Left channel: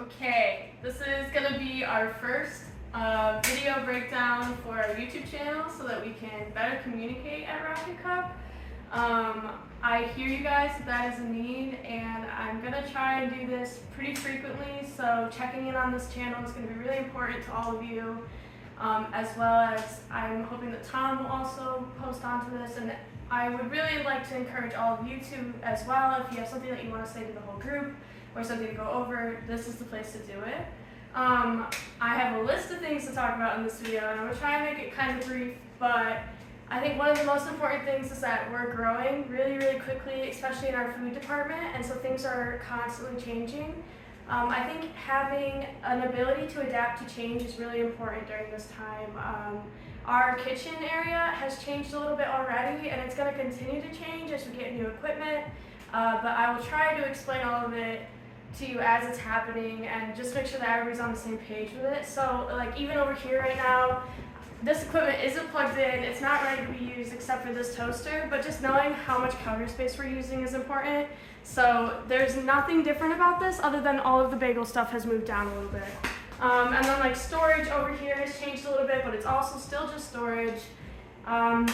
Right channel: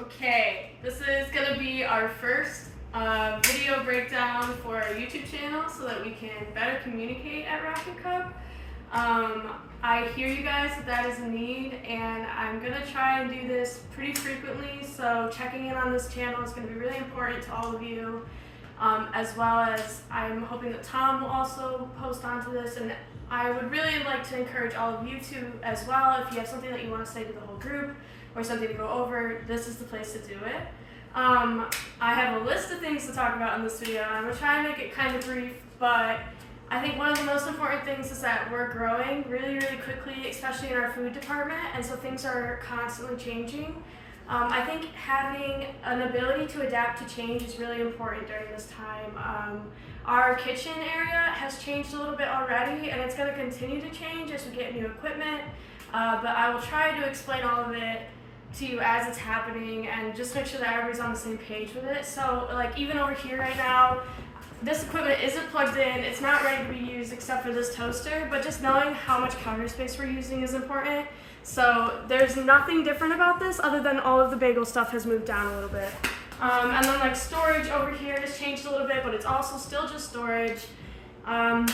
Okay, this is going to be our first video breakdown for our YouTube channel so that we can better communicate at Rocketcup. I hear you guys that is a need, and I'm going to try and do this pretty frequently, so checking in on this channel is going to be really important to all of you, as well as I'm hoping that Tom will also post onto this, and I would really like to encourage all of you to as well. If you have something that you want to say to the whole group or something to go over, this is the place to do it. I have a list of things to talk about in this video, and I'm going to try and make it kind of brief, but I think one of the most important things is that we're growing really, really quickly, especially in our food department, and so things are constantly changing. I think having an ability to adapt to change is really important during this time. Our kitchen area has changed a little bit already, and it's going to continue to change as we get new equipment, but I will try to explain all of it to you as it's happening and just make sure that everybody's on the same page with it. So like even over here right now, this equipment isn't plugged in, it's not ready to be used except for this toaster, but just knowing how much counter space we're using is important. So there's nothing different about this other than all of the bagel stuff has moved down a little bit. And then like storage over here has changed a little bit, but it's also still just storage. And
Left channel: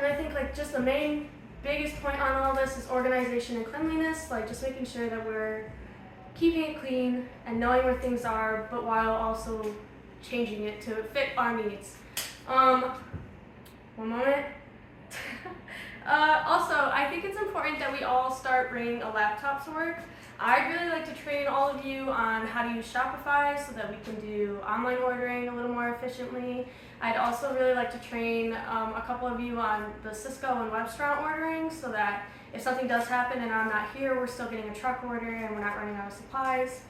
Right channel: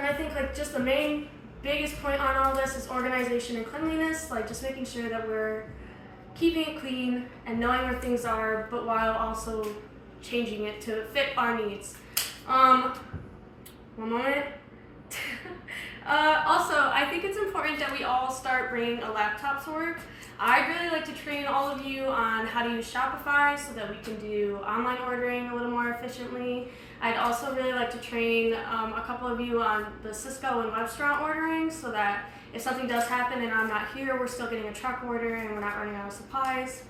I think like just the biggest point on all this is organization and cleanliness, like just making sure that we're keeping it clean and knowing where things are, but while also changing it to fit our needs. One moment. Also, I think it's important that we all start bringing a laptop to work. I'd really like to train all of you on how to use Shopify so that we can do online ordering a little more efficiently. I'd also really like to train a couple of you on the Cisco and restaurant ordering so that if something does happen and I'm not here, we're still getting a truck order and we're not running out of supplies.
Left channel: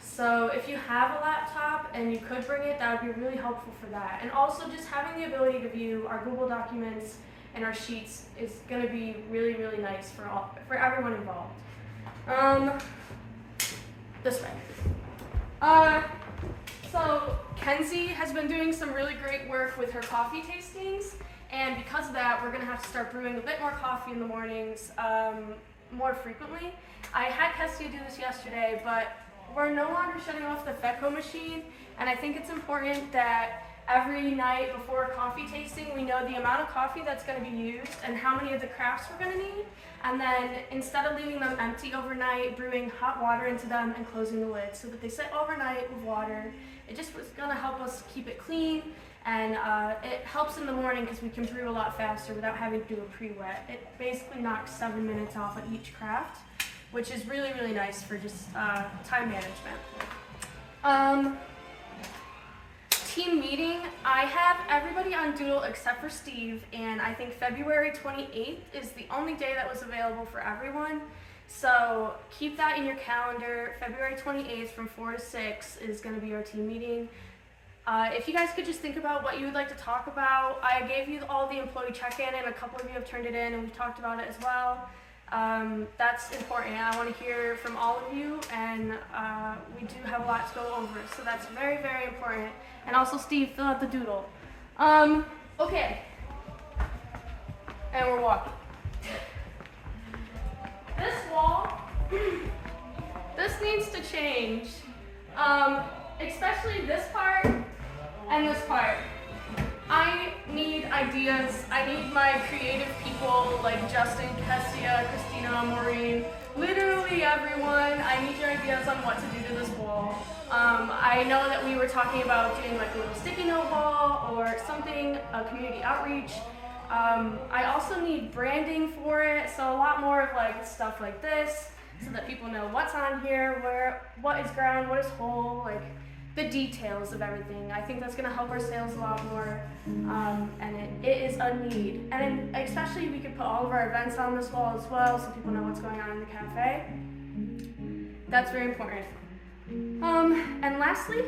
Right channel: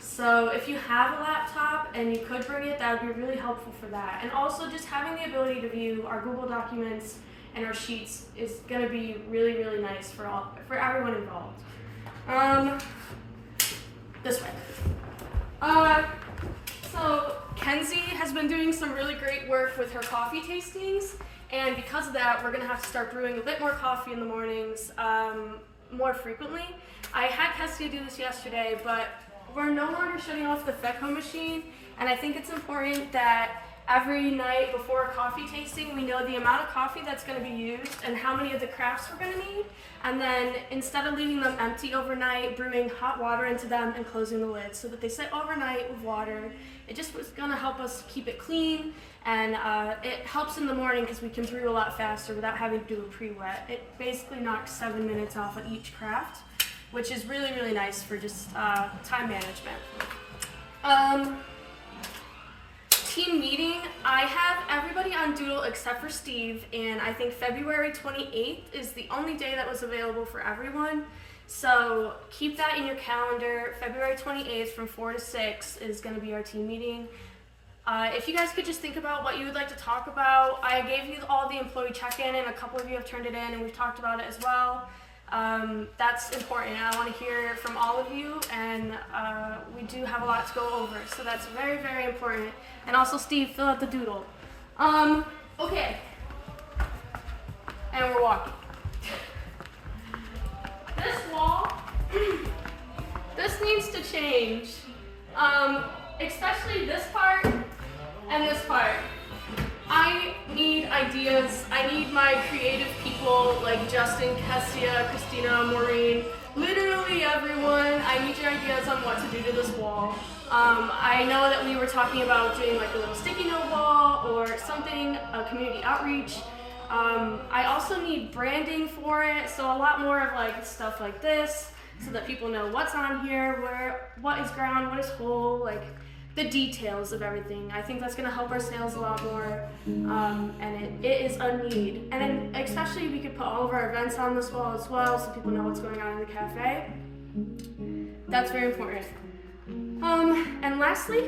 So if you have a laptop and you could bring it, that would be really helpful for that. And also just having the ability to view our Google documents and our sheets is going to be really, really nice for everyone involved. This way. So Kenzie has been doing some really great work with her coffee tastings, and because of that, we're going to have to start brewing a bit more coffee in the mornings more frequently. I had Kessia do this yesterday, but we're no longer shutting off the FECO machine, and I think it's important that every night before a coffee tasting, we know the amount of coffee that's going to be used and how many of the crafts we're going to need, and then instead of leaving them empty overnight, brewing hot water into them and closing the lid so that they sit overnight with water. It just was going to help us keep it clean, and it helps in the morning because we can brew a lot faster without having to do a pre-wet. It basically knocks 7 minutes off of each craft, which is really, really nice for just time management. Team meeting, I have everybody on Doodle except for Steve, and I think February 28th is the only day that was available for everyone. So keep that in your calendar. February 28th from 4 to 6 is going to be our team meeting. If you guys could just think about what you would like to talk about. I gave you all the employee check-in, and a couple of you have turned it in, and we've talked about it as well. That's important, and I want to hear from all of you, and we do have a lot to go over, so that's very, very important. And also, Steve, fill out the doodle. Okay. And we're walking. This wall, this needs to change, especially this part and this part. I need ideas. I need my creative people like Justin, Kessia, Christina, Maureen, literally everyone. I need your ideas on what to do to this wall. I know that we were talking about doing like a little sticky note wall or something, a community outreach. I also need branding for it, so a lot more of like stuff like this so that people know what's on here, what is ground, what is whole, like the details of everything. I think that's going to help our sales a lot more, and it is a need. And especially we could put all of our events on this wall as well so people know what's going on in the cafe. That's very important. And lastly,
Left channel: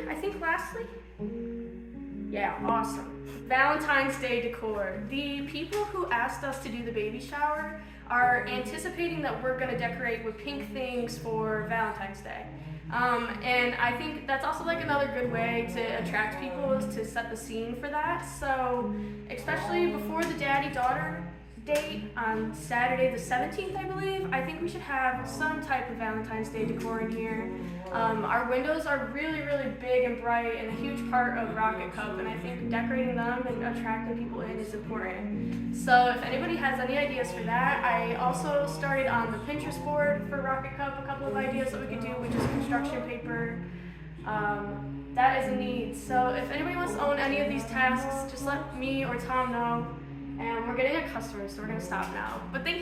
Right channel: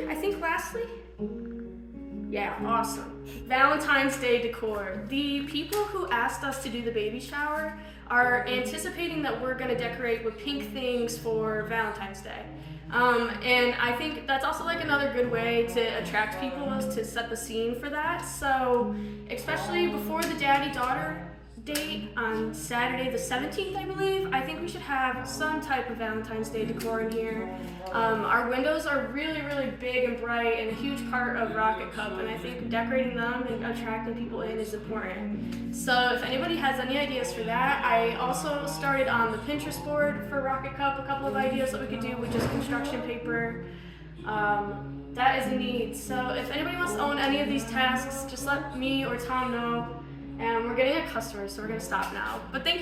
yeah, awesome. Valentine's Day decor. The people who asked us to do the baby shower are anticipating that we're going to decorate with pink things for Valentine's Day. And I think that's also like another good way to attract people is to set the scene for that. So especially before the daddy-daughter date on Saturday the 17th, I believe. I think we should have some type of Valentine's Day decor in here. Our windows are really, really big and bright and a huge part of Rocket Cup, and I think decorating them and attracting people in is important. So if anybody has any ideas for that, I also started on the Pinterest board for Rocket Cup a couple of ideas that we could do with just construction paper. That is a need. So if anybody wants to own any of these tasks, just let me or Tom know. And we're getting a customer, so we're going to stop now. But thank you.